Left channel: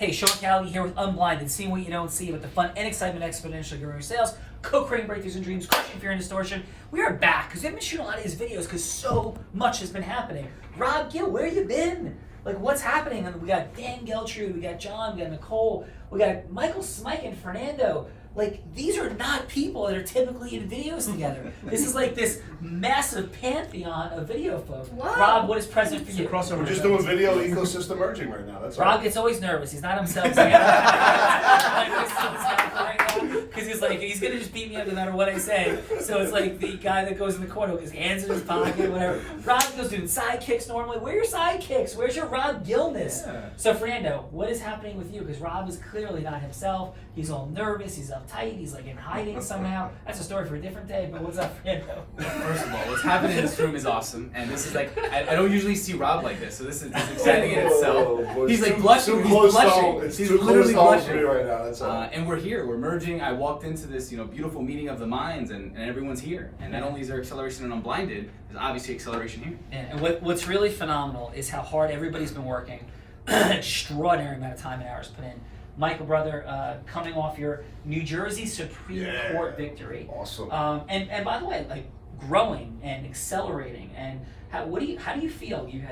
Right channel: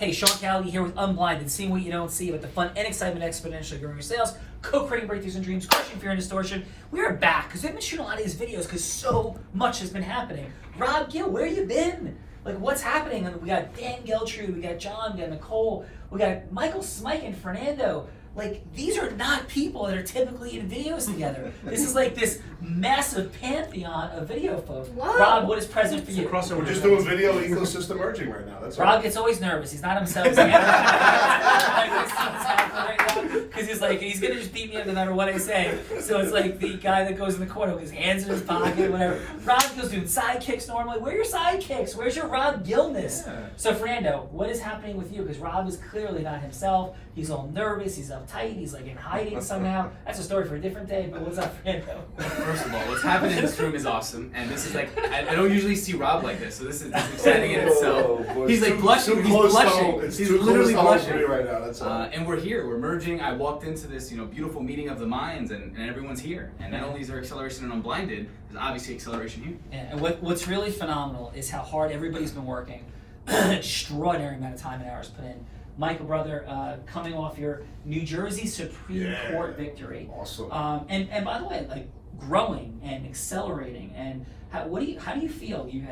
Hey, Sean Callagy here with Unblinded, seeing what you don't see about the fun and excitement exponentially growing your sales, co-creating breakthroughs and dreams, crushing fear and distortion. We are back because we've been shooting a lot of these videos because so much has been happening. Rob Gill, where you been? Like, what's happening? We got Dan Geltrude, we got John, we got Nicole, we got Michael Smike and Fernando. Like, these are not people that are typically in videos together. This is like this massive pantheon of video folks. Wow. Rob, what is present for you? We're just doing video ecosystem merging right now. That's Rob all. gets always nervous. He's not himself. Because he's like, he's going to just beat me up no matter what I say. So it's like the guy that goes in the corner with his hands in his pocket, whatever. Rob goes doing sidekicks normally. Where are your sidekicks? Where's your Rob Gillness? Yeah. So Fernando, what is happening with you? Because Rob is clearly not himself. He's all nervous. He's uptight. He's like in hiding somehow. That's a story for a different day. But what's up, Fernando? First of all, what's happening in this room is awesome. And this is like, I don't usually see Rob like this. So this is exciting in itself. He's like blushing. He's blushing. He's literally blushing right now. That's all. And we're here. We're merging. I walked into this, beautiful meeting of the minds, and everyone's here. And not only is there acceleration and Unblinded, there's obviously acceleration here. Yeah, and what's really phenomenal is how hard everybody's been working. Extraordinary amount of time and hours put in. Michael, brother, coming off your New Jersey Supreme Court victory. Awesome. And by the way, like growing and accelerating, and how do you feel? You've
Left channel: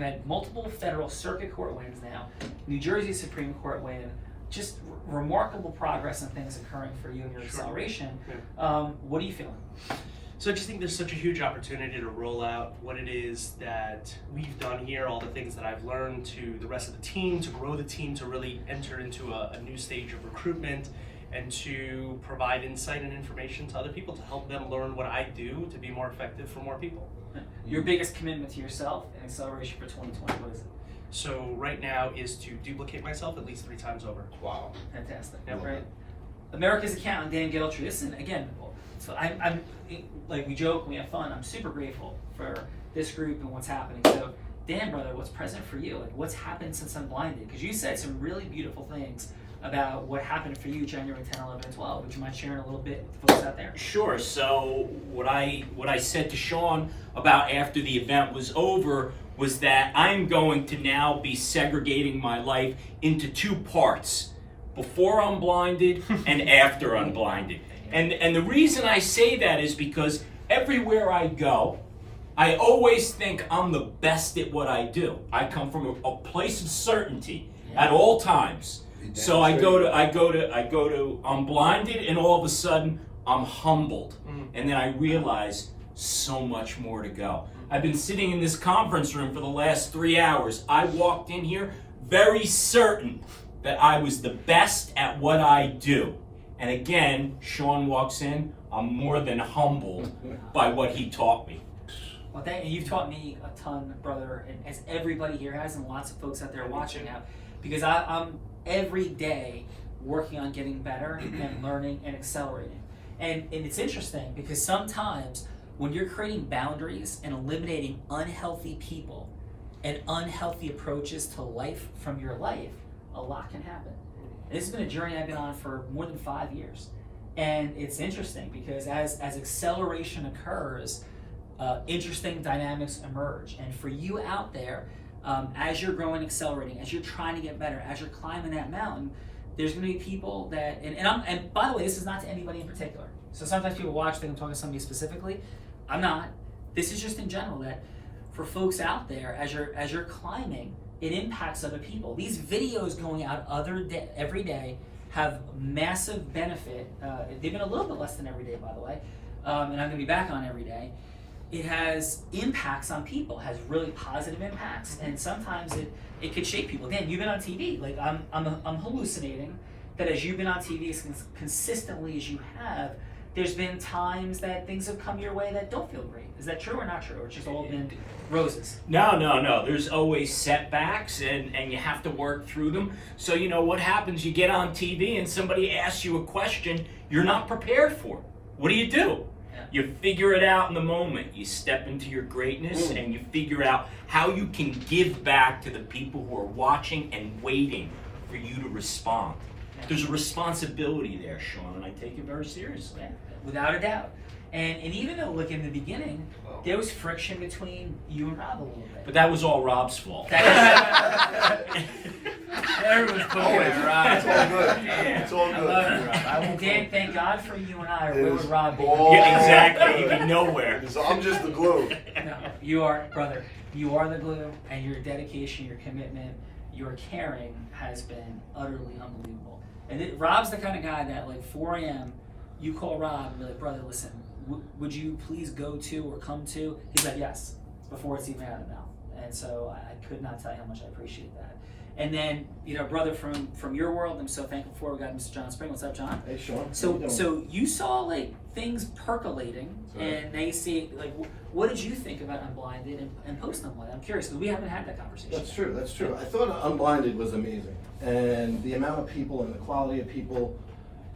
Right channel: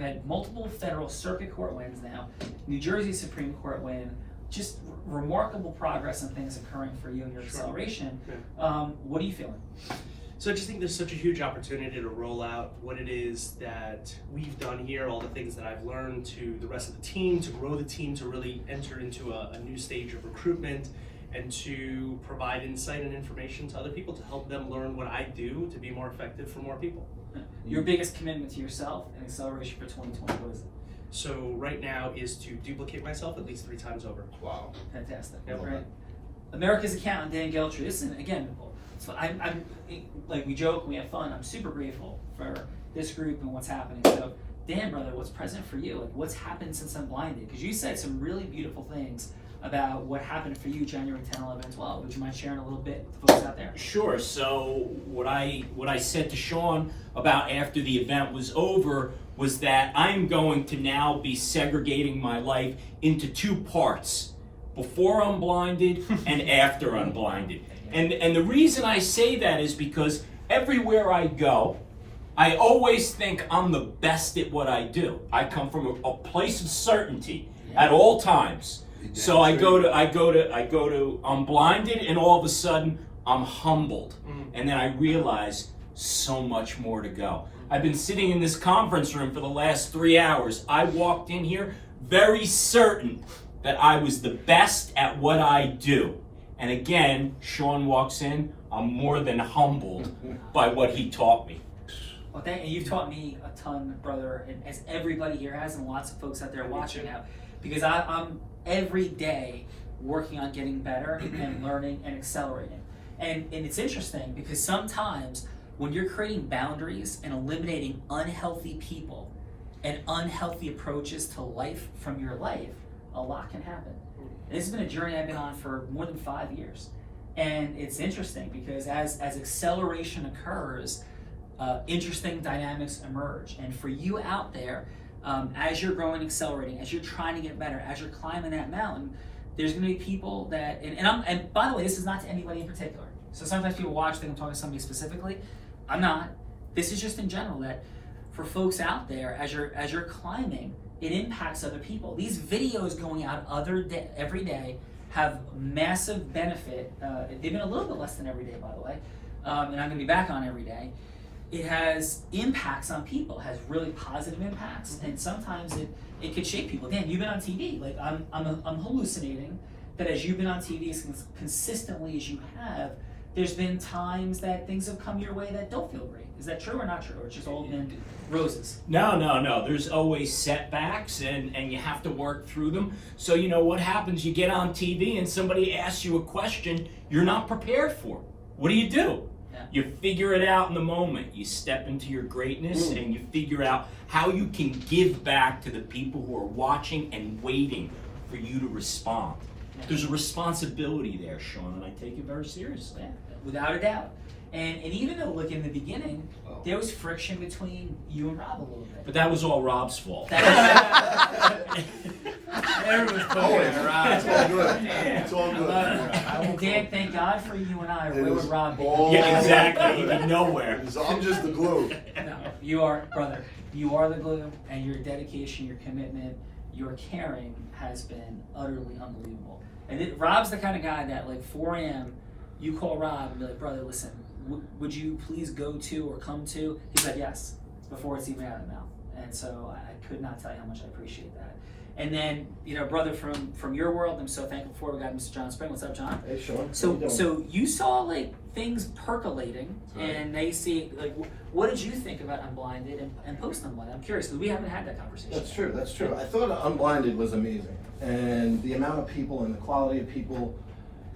had multiple federal circuit court wins now, New Jersey Supreme Court win. Just remarkable progress and things occurring for you in your acceleration. Yeah. What are you feeling? So I just think there's such a huge opportunity to roll out what it is that we've done here, all the things that I've learned to the rest of the team, to grow the team, to really enter into a new stage of recruitment, and to provide insight and information to other people to help them learn what I do to be more effective for more people. Your biggest commitment to yourself and acceleration for 2020, what is it? So right now is to duplicate myself at least 3 times over. Wow. Fantastic. Yeah, great. America's accountant, Dan Geltrude. Listen, again, so I'm like, we joke, we have fun. I'm super grateful for this group and what's happening. So, Dan, brother, what's present for you? Like, what's happened since Unblinded? Because you said some really beautiful things about what happened for you January 10, 11, and 12. Would you mind sharing a little bit with the folks out there? Sure. So what I said to Sean about after the event was over was that I'm going to now be segregating my life into 2 parts: before Unblinded and after Unblinded. And the reason I say that is because everywhere I go, I always think I'm the best at what I do. I come from a place of certainty at all times. So I go to Unblinded, and all of a sudden I'm humbled, and then I realize so much more to go. I've been sitting in this conference room for the last 3 hours. I walked in here very certain that I was the best at what I do. And again, Sean walks in, I'm more than humbled by what he taught me. Well, you've taught me a ton, brother, and as everybody here has, and lots of folks out there watching now, because I'm every day working on getting better and learning and accelerating. And it's interesting because sometimes when you're creating boundaries and eliminating unhealthy people and unhealthy approaches to life from your life, a lot can happen. And this has been a journey I've been on for more than 5 years. And it's interesting because as acceleration occurs, interesting dynamics emerge. And for you out there, as you're growing, accelerating, as you're trying to get better, as you're climbing that mountain, there's going to be people that, and by the way, this is not to anybody in particular. So sometimes people watch, think I'm talking to somebody specifically. I'm not. This is just in general that for folks out there, as you're climbing, it impacts other people. These videos going out every day have massive benefit. They've been a little bit less than every day, by the way, and I'm going to be back on every day. It has impacts on people, has really positive impacts, and sometimes it could shape people. Dan, you've been on TV. Like I'm hallucinating that as you've been on TV as consistently as you have, there's been times that things have come your way that don't feel great. Is that true or not true, or it's just all been roses? No. There's always setbacks, and you have to work through them. So what happens? You get on TV and somebody asks you a question you're not prepared for. What do? Yeah. You figure it out in the moment. You step into your greatness and you figure out how you can give back to the people who are watching and waiting for you to respond. Yeah. There's a responsibility there, Sean, and I take it very seriously. Yeah, without a doubt. And even though, look, in the beginning, there was friction between you and Rob a little bit. But that was all Rob's fault. Everyone's poking at Rob. It's all good. Yeah. It's all I good. love it. I won't And Dan, thank God for you and I. It Where would is Rob be? all- Yeah, exactly. He'd be nowhere. I'm just the glue. No, you are, brother. You are the glue, and your dedication, your commitment, your caring has been utterly unbelievable. And Rob's the kind of guy that, like, 4 a.m., you call Rob and be like, brother, listen, would you please go to or come to? He's like, yes, before it's even out of his mouth. And so I could not tell you how much I appreciate that. And then, brother, from your world, I'm so thankful for. We got Mr. John Spring. What's up, John? Hey, Sean. So you saw like things percolating, Right. and they see like, what did you think about Unblinded and post Unblinded? I'm curious because we haven't had that conversation. That's true. That's true. I thought Unblinded was amazing, and the amount of people and the quality of people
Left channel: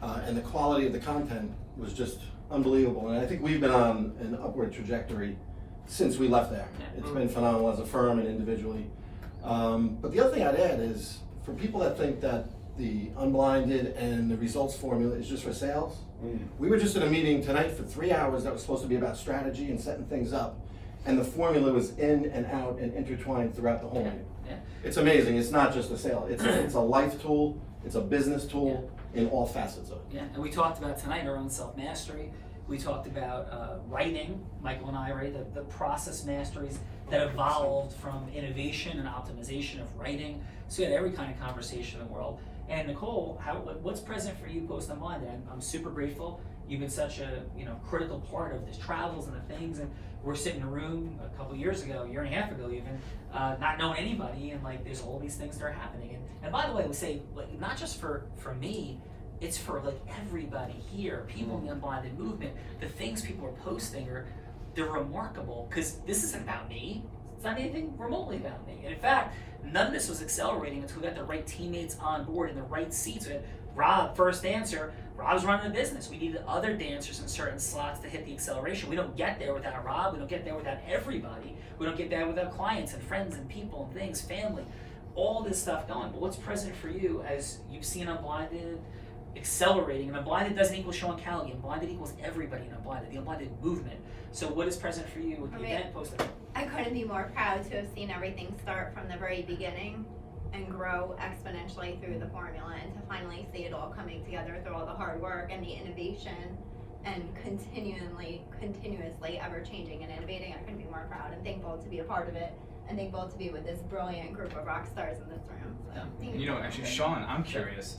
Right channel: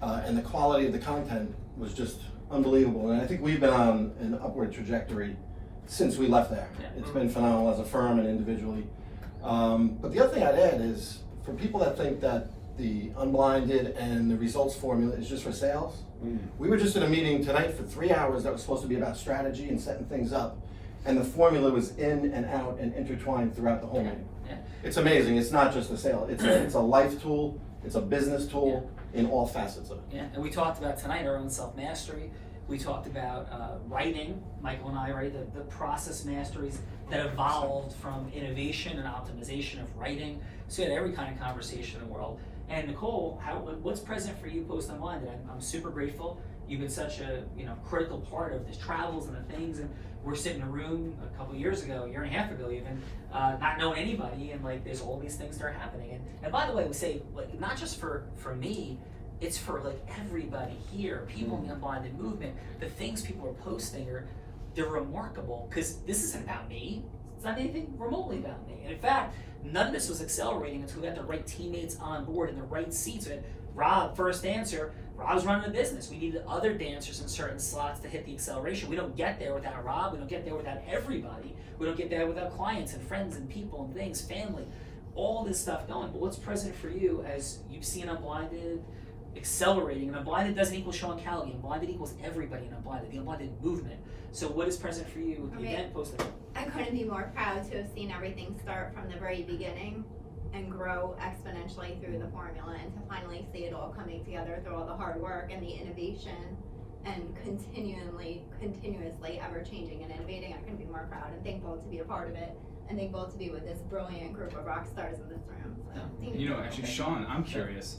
and the quality of the content was just unbelievable. And I think we've been on an upward trajectory since we left there. Yeah. It's been phenomenal as a firm and individually. But the other thing I'd add is for people that think that the Unblinded and the results formula is just for sales. We were just in a meeting tonight for 3 hours that was supposed to be about strategy and setting things up, and the formula was in and out and intertwined throughout the whole meeting. Yeah. It's amazing. It's not just a sale. It's a life tool. It's a business tool in all facets of it. Yeah, and we talked about tonight our own self-mastery. We talked about writing, Michael and I, right? The process masteries that evolved from innovation and optimization of writing. So we had every kind of conversation in the world. And Nicole, what's present for you post Unblinded? I'm super grateful. You've been such a critical part of the travels and the things. And we're sitting in a room a couple years ago, a year and a half ago even, not knowing anybody, and like there's all these things that are happening. And by the way, we say like not just for me. It's for like everybody here, people in the Unblinded movement. The things people are posting they're remarkable because this isn't about me. It's not anything remotely about me. And in fact, none of this was accelerating until we got the right teammates on board in the right seats. We had Rob, first dancer. Rob's running the business. We needed other dancers in certain slots to hit the acceleration. We don't get there without Rob. We don't get there without everybody. We don't get there without clients and friends and people and things, family, all this stuff going. But what's present for you as you've seen Unblinded accelerating? And Unblinded doesn't equal Sean Callagy. Unblinded equals everybody in Unblinded, the Unblinded movement. So what is present for you with the event post event? I couldn't be more proud to have seen everything start from the very beginning and grow exponentially through the formula, and to finally see it all coming together through all the hard work and the innovation and continuously ever changing and innovating. I couldn't be more proud and thankful to be a part of it, and thankful to be with this brilliant group of rock stars in this room. So, thank you. Actually, Sean, I'm curious.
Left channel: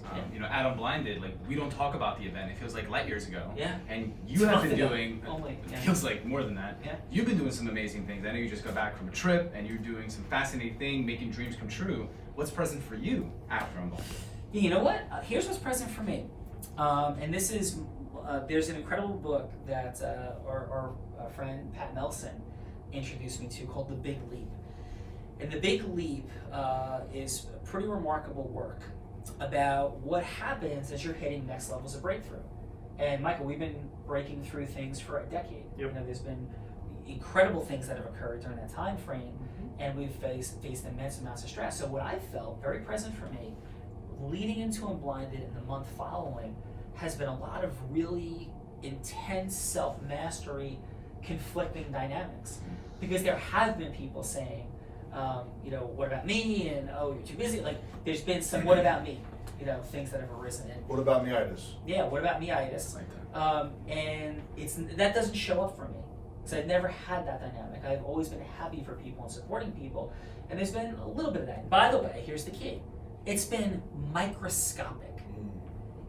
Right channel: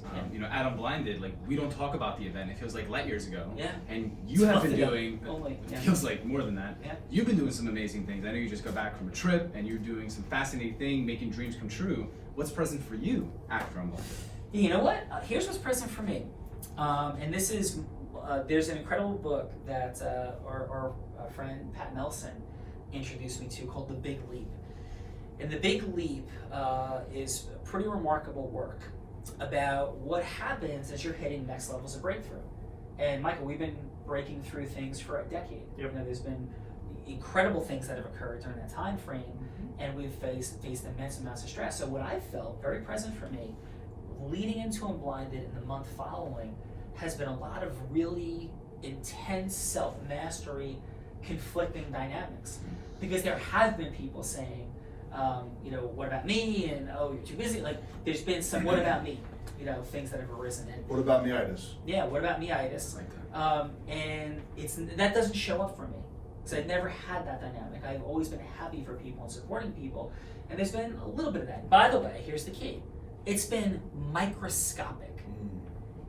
At Unblinded, like we don't talk about the event. It feels like light years ago. Yeah. And you have been Months ago. doing. Only, yeah. It feels like more than that. Yeah. You've been doing some amazing things. I know you just got back from a trip, and you're doing some fascinating thing, making dreams come true. What's present for you after Unblinded? You know what? Here's what's present for me. And this is, there's an incredible book that our friend Pat Nelson introduced me to called The Big Leap. And The Big Leap is pretty remarkable work about what happens as you're hitting next levels of breakthrough. And Michael, we've been breaking through things for a decade. Yep. There's been incredible things that have occurred during that time frame, and we've faced immense amounts of stress. So what I felt very present for me, leading into Unblinded in the month following, has been a lot of really intense self-mastery, conflicting dynamics. Because there have been people saying, what about me? And oh, you're too busy. Like, there's been some what about me, things that have arisen. And What about meitis? yeah, what about me-itis? Like that. And that doesn't show up for me. So I've never had that dynamic. I've always been happy for people and supporting people. And there's been a little bit of that. By the way, here's the key. It's been microscopic.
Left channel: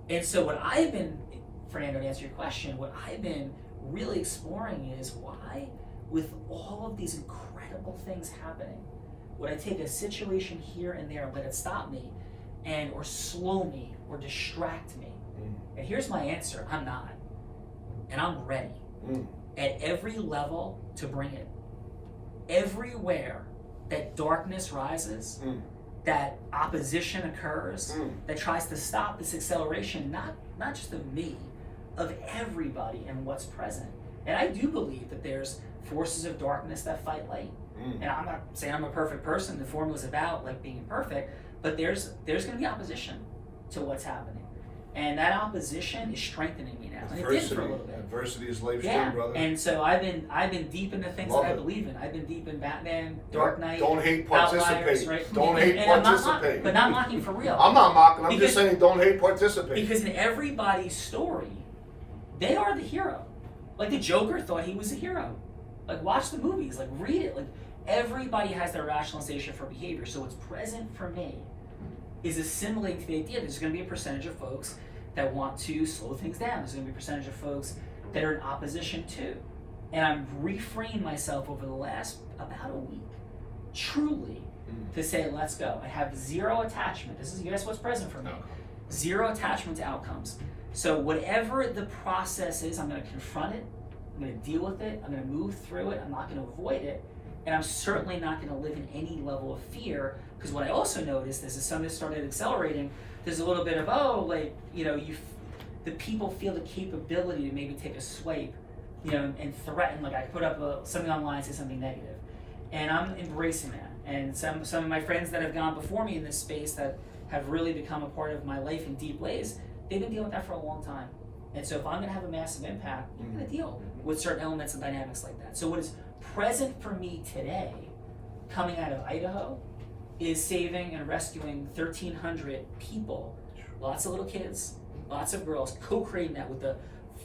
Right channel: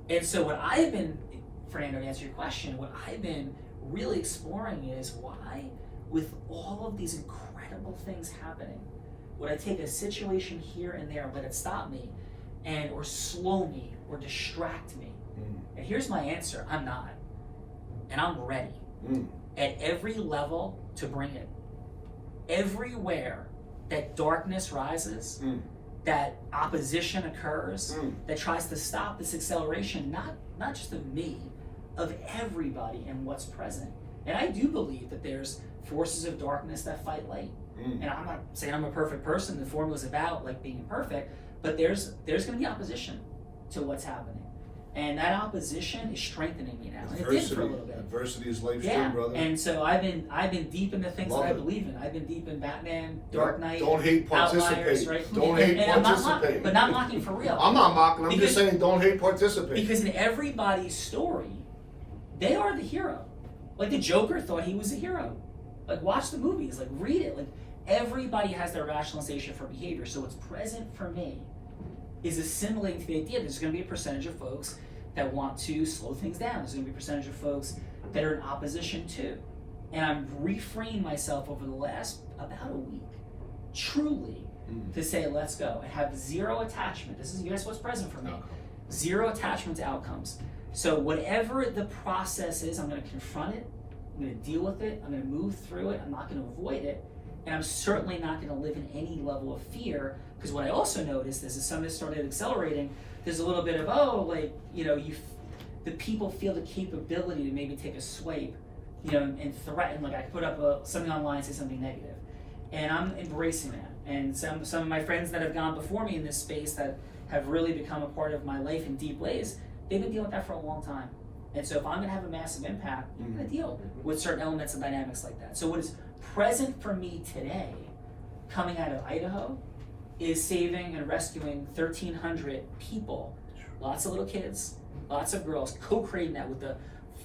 And so what I've been, Fernando, to answer your question, what I've been really exploring is why, with all of these incredible things happening, would I take a situation here and there and let it stop me or slow me or distract me? And here's my answer. I'm not. And I'm ready. At every level to bring it. Everywhere that darkness rises, that opposition occurs, that tries to stop this acceleration, not just of me, of everybody and what's present. And I do believe that there's forces of darkness that fight light. And I'm not saying I'm a perfect person. The formula's about like being perfect, but there's going to be opposition to what's happening. And that opposition is strengthening me now. And it did for a little bit. Adversity is life's Yeah, true, brother. and so I've been deep into things Love that I it. believe in. I've been deep in Batman, Dark Knight, Don't hate, Outliers, participate. right? Don't hate, I'm not participate. but not mocking for real. I'm not mocking. I'm Because- just saying, don't hate, participate. Because in everybody's story, they are the hero. Like the Joker thought he was the hero. Like watch the movies, like read it. Like everybody has their rationalization for behavior. So what's present for me is assimilating to the idea that there's going to be a percentage of folks that want to slow things down. There's going to be a percentage of folks that are in opposition to. And I'm reframing myself over the last about a week, truly, to say, let's go. I have zero attachment. This is, guess what's present for me? Zero attachment to outcomes. So whatever the process is, I'm going to confront it. I'm going to deal with it. I'm going to move through it. I'm not going to avoid it. And I'm certainly not going to live in any level of fear, because what I also noticed is as some of this started accelerating, there's a little bit of, the people feel the capability to maybe take a swipe, and threaten, like I put up something online, say something negative. And I'm embracing that. And some of my friends that have gone before me in this space that have really become a part of my life in deep ways, they've been dealing with that for a long time. And so if I'm gonna have a massive impact, I'm gonna deal with certain elements and dynamics like that. So what is present for me today, coming out of Idaho, is saving and rescuing 1,300 people, lots of little kids, lots of girls, co-creating that with the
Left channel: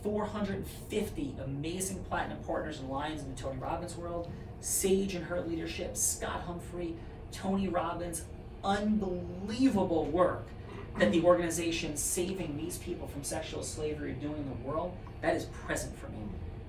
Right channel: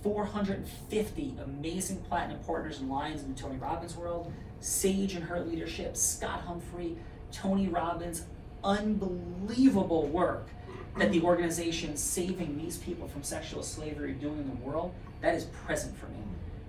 450 amazing platinum partners and lions in the Tony Robbins world, Sage and her leadership, Scott Humphrey, Tony Robbins, unbelievable work that the organization saving these people from sexual slavery doing in the world, that is present for me.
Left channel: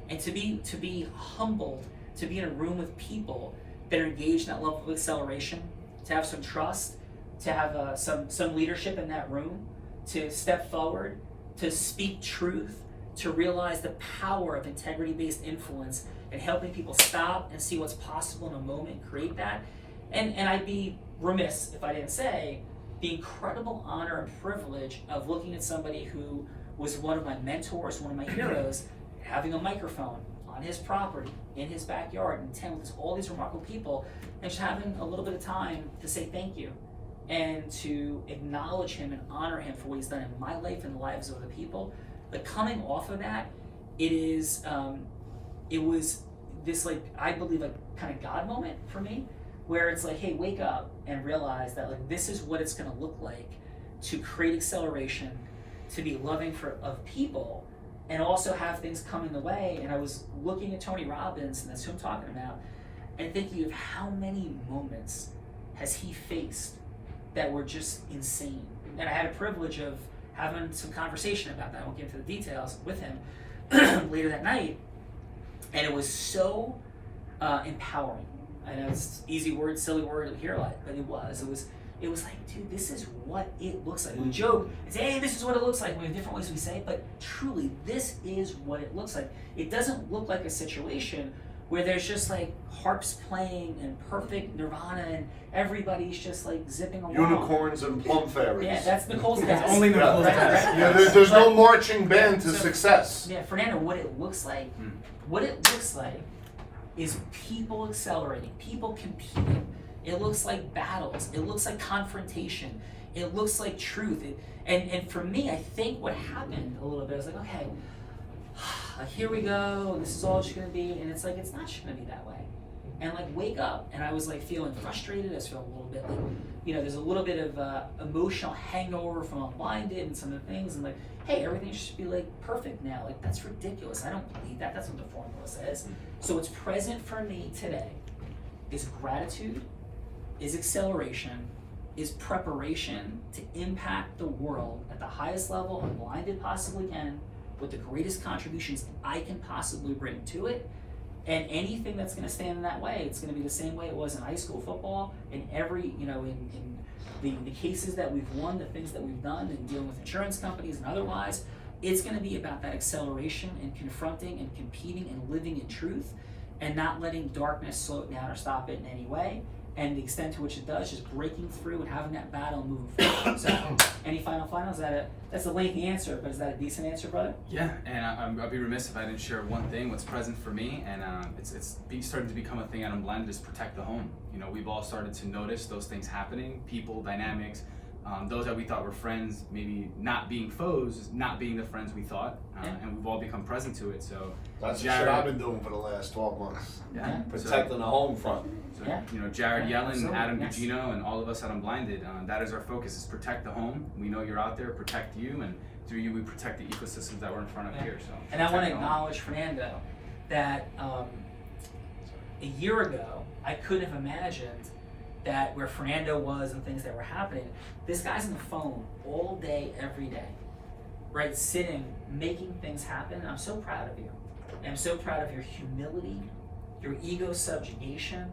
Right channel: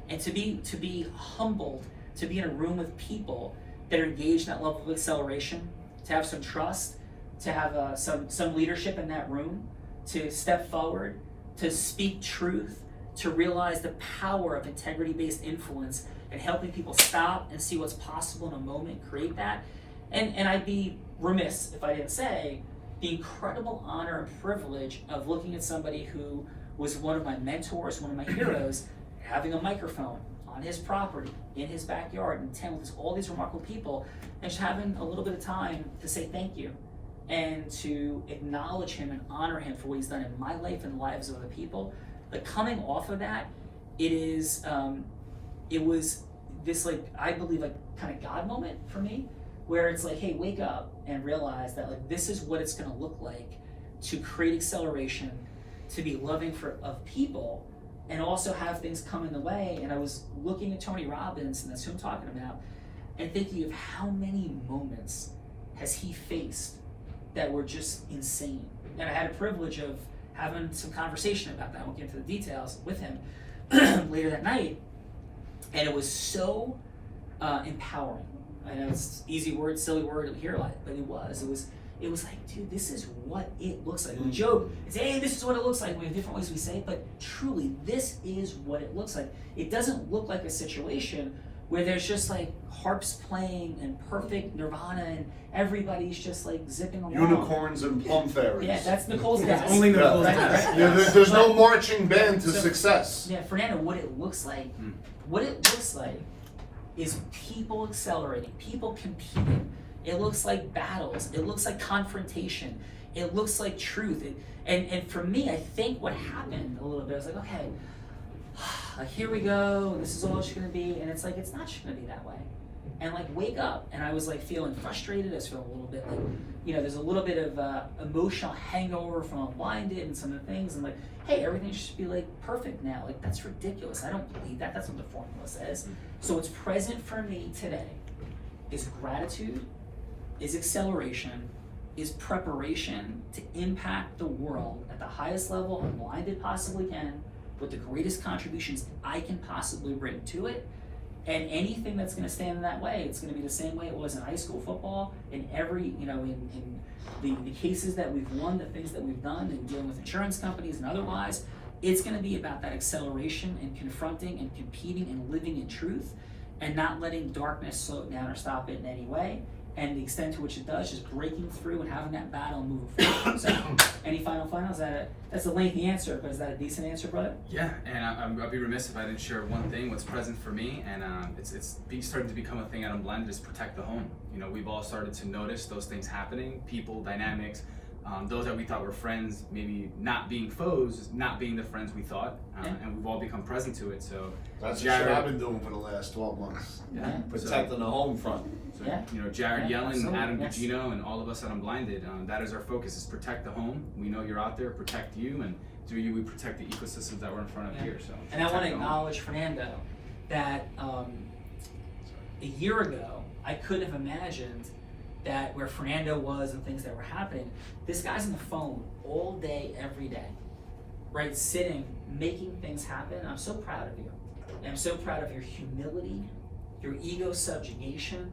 And to be humbled, to be in a room with people that are engaged in that level of acceleration, to have some trust, to have some leadership in that room, to step forward, to speak truth, to realize the power of integrity-based influence and helping people stop and see what's possible in a moment, create that. And I'd be remiss if I didn't say the incredible honor and privilege of looking at somebody who was one of my mentors, one of my heroes, having a microphone on his property, in his backyard, and attend with all these remarkable people, and just having a little bit of time to say thank you and to acknowledge him and honor him for what he's done in my life and the lives of other people. Like coming off of that, it was this, like, I believe, like kind of God moment for me, where it's like, hey, wake up and realize that like this is what it's going to look like to create acceleration, to be loving of people, and also have things come in the way. And I was looking at Tony Robbins, and that's who I'm talking about, and thinking of how many moments has he faced that were just insane. And I had a privilege of having some conversation about that. I won't get into the details with him later that night. And it was so empowering. I know it's easy word, silly word to hear like, but it was like, dude, this is what it looks like. We joke and say, hey, this is what it looks like. We have different ways we say it, but truly, this is what it looks like. It doesn't look like a situation where there's just like harps playing and perfect nirvana and everybody's just like zipping along. Unicorns and plum fairies. Yeah, that's Nicole's That's dad. only Nicole's Right, dad. right. Yeah, there's no But- marching band to so- success. Yeah, Fernando, what it looks like is people accelerating, people competing. It looks like battles. It looks like confrontation. It looks like truth. And for me, I think what happened a little bit, I was like, okay, like here we go. This is all it's gonna be. And it's like, it's not just gonna be that way. And like, wake up. And I was like feeling frustrated. I was feeling a little bit like, there's a little bit of emotional hangover from Unblinded and some of the things. And like, hey, everything should be like perfect now. Like, that's ridiculous. I don't believe that. That's what the formula says. So what's present for me today is gratitude, is acceleration, is preparation to impact the world at the highest level Unblinded possibly can, with the greatest contributions I can possibly bring to it. And anything that's going to stand in that way, it's going to be the same way it was in high school football, in every, in the cases that we've won, the things that we've done, and dealing with insurance companies and otherwise. It's going to be about that acceleration and confronting and competing and living in truth, and not letting darkness slow it down or stop it in any way. And the extent to which it does, just breaking through and having that battle and moving forward. So, any final? That's a lengthy answer, but is that a decent answer, brother? Yeah, and I'd be remiss if I didn't share one thing. What's present for me, and it's starting to become a thing at Unblinded, is protect the home. We've all started to notice those things happening, people, dynamics, Those that we thought were friends, maybe not being foes, not being the friends we thought, and we've all become present to it. So That's the Jared, shit I've been doing for the last 12 months. yeah, Protecting the home front. So, Yeah. you know, Jared Yeah, Yellen, absolutely, Adam yes. Gugino, and all of us at Unblinded, that is our focus, is protect the home. We know you're out there, protect you, and through you we protect the ecosystems that we're in front of here. So And I want to protect the home. acknowledge Fernando that a year ago, I could have imagined that where Fernando was and things that were happening, this guy's on the phone all day, every day, right? Sitting, making things happen. I'm so proud of you. And I'm so proud of your humility, your ego subjugation,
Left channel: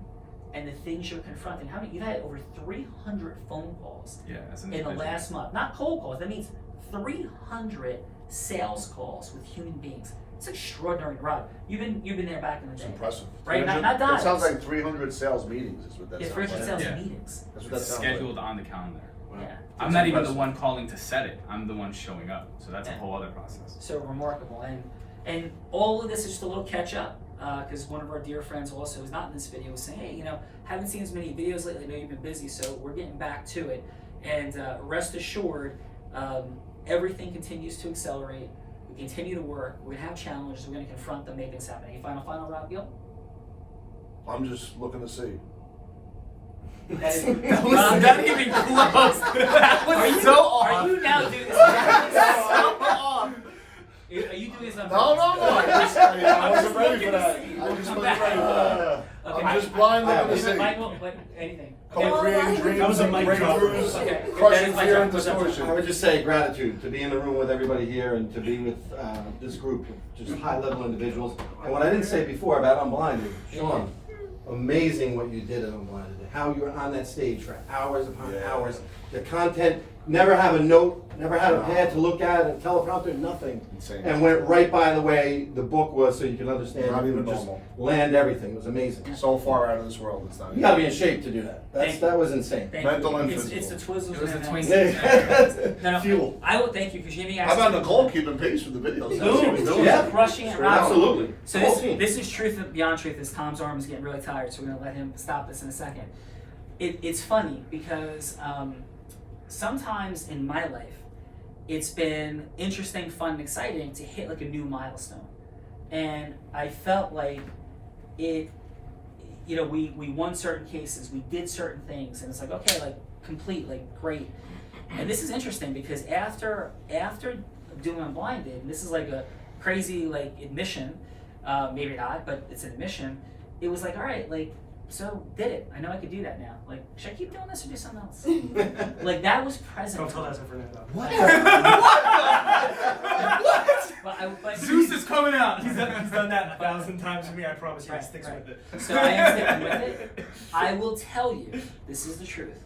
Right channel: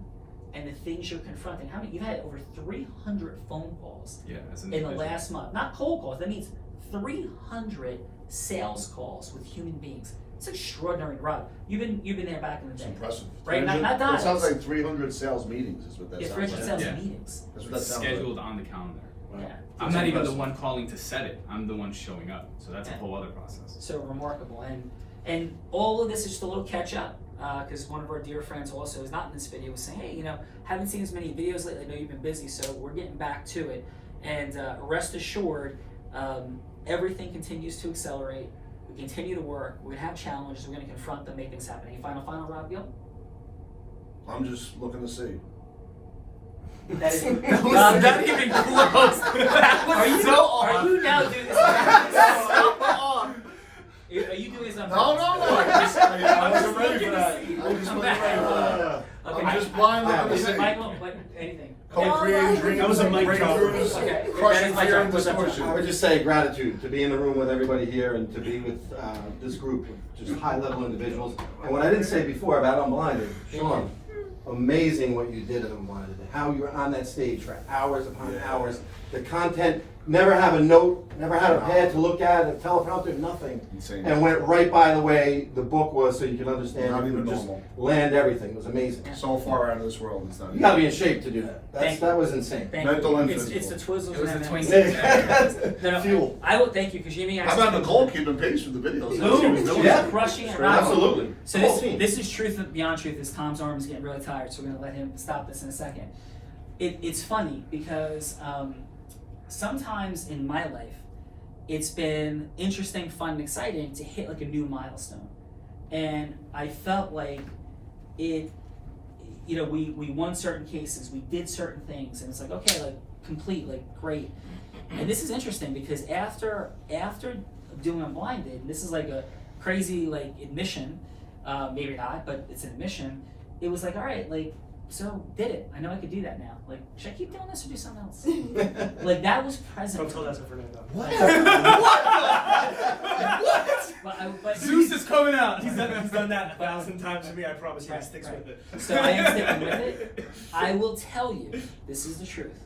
and the things you're confronting. How many? You've had over 300 phone calls Yeah, as an in the individual. last month. Not cold calls. That means 300 sales calls with human beings. It's extraordinary, Rob. You've been there back in the It's day. impressive. Right, not 300 dimes. It sounds like 300 sales meetings is what that Yeah, sounds 300 like. sales Yeah. meetings. That's what that It's sounds scheduled like. on the calendar. Wow. Yeah. I'm It's not even the impressive. one calling to set it. I'm the one showing up. So that's a Yeah. whole other process. So remarkable. And all of this is just a little catch up, because one of our dear friends also is not in this video was saying, hey, haven't seen as many videos lately. I know you've been busy, so we're getting back to it. And rest assured, everything continues to accelerate. We continue to work. We're gonna have challenges. We're gonna confront them, make things happen. Any final, Rob Gill? I'm just looking to see. That is That was not even close. That was Are you so off. Are you now doing this? Are you doing this on No, purpose? I wasn't ready looking for to that. see. I wasn't I'm ready for that. Okay. I'm just blind looking to see. Michael, anything. Co-creating dreams. That was a mic drop. breakthroughs, Okay. That Crushing is my fear job. and distortion. I would just say gratitude to be in the room with everybody here and to be with this group of just high-level individuals. And what I didn't say before about Unblinded, Sean, amazing what you did at Unblinded. How you were on that stage for hours upon Yeah. hours. The content, never have a note, never had a pad to look at, a teleprompter, nothing. Insane. And went right by the way the book was so you could understand. Not You even could just normal. land everything. It was amazing. So far out of this world, it's not. You gotta be in shape to do that. Thank That was insane. Thank Mental you. and It's physical. the Twizzlers. It was and the M&Ms. twinkies. No, Fuel. I will thank you because Jimmy How about Nicole keeping pace with the videos? Boom. Yeah. Crushing it. Absolutely. So Whole team. this is truth beyond truth. Is Tom's arm is getting really tired, so we're gonna let him stop this in a second. It's funny because sometimes in my life, it's been interesting, fun, and exciting to hit like a new milestone, and I felt like it. We won certain cases, we did certain things, and it's like okay, like complete, like great. And this is interesting because after doing Unblinded, and this is like a crazy like admission, maybe not, but it's an admission. It was like all right, like. So did it. I know I could do that now. Like, should I keep doing this or do something else? Like that was present. Don't tell that to Fernando. What? But Zeus is coming out. He's done that 1,000 times to me. I promise you, he Right, sticks right. with it. So I am sticking with it. I will tell you, this is the truth.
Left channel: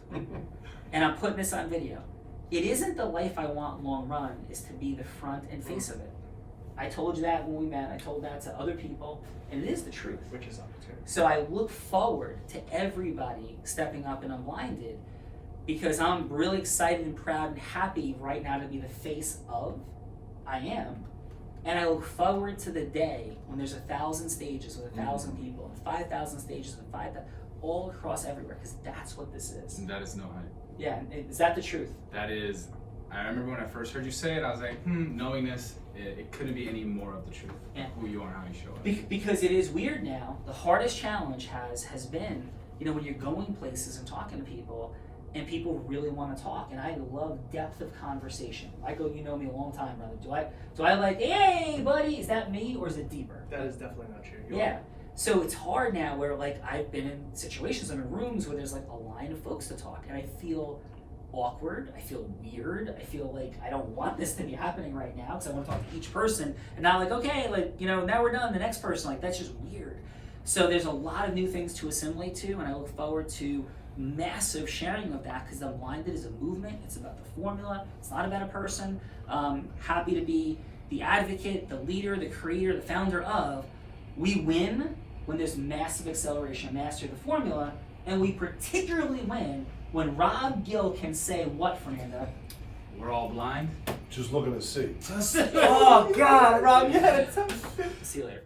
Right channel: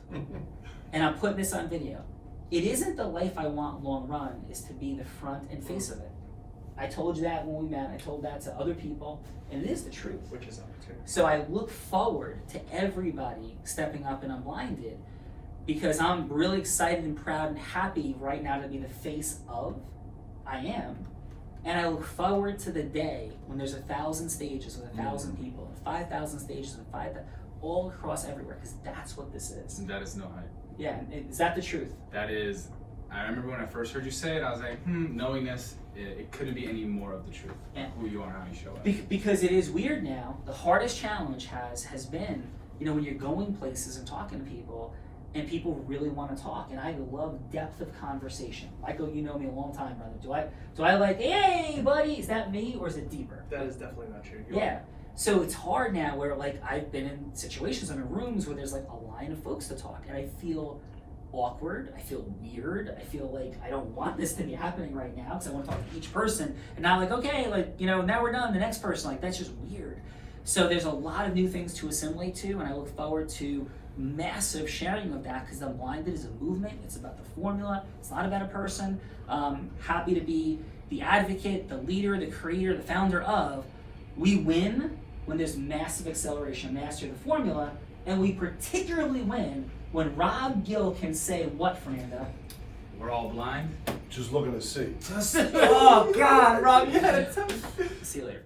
And I'm putting this on video. It isn't the life I want long run, is to be the front and face of it. I told you that when we met, I told that to other people, and it is the truth. Which is opportunity. So I look forward to everybody stepping up and Unblinded because I'm really excited and proud and happy right now to be the face of. I am. And I look forward to the day when there's 1,000 stages with 1,000 people, and 5,000 stages with 5,000, all across everywhere, because that's what this is. And that is no hype. Yeah, is that the truth? That is, I remember when I first heard you say it, I was like, knowing this, it couldn't be any more of the truth. Yeah. Who you are and how you show up. Because it is weird now. The hardest challenge has been, when you're going places and talking to people, and people really want to talk, and I love depth of conversation. Michael, you know me a long time, brother. Do I like, hey, buddy, is that me, or is it deeper? That is definitely not true. Yeah. So it's hard now where I've been in situations and in rooms where there's like a line of folks to talk, and I feel awkward, I feel weird, I feel like I don't want this to be happening right now because I want to talk to each person, and now okay, now we're done, the next person, that's just weird. So there's a lot of new things to assimilate to, and I look forward to massive sharing of that because Unblinded is a movement. It's about the formula. It's not about a person. Happy to be the advocate, the leader, the creator, the founder of. We win when there's massive acceleration, master the formula, and we particularly win when Rob Gill can say what, Fernando? We're all blind. Just looking to see. Oh God, Rob, you had it. See you later.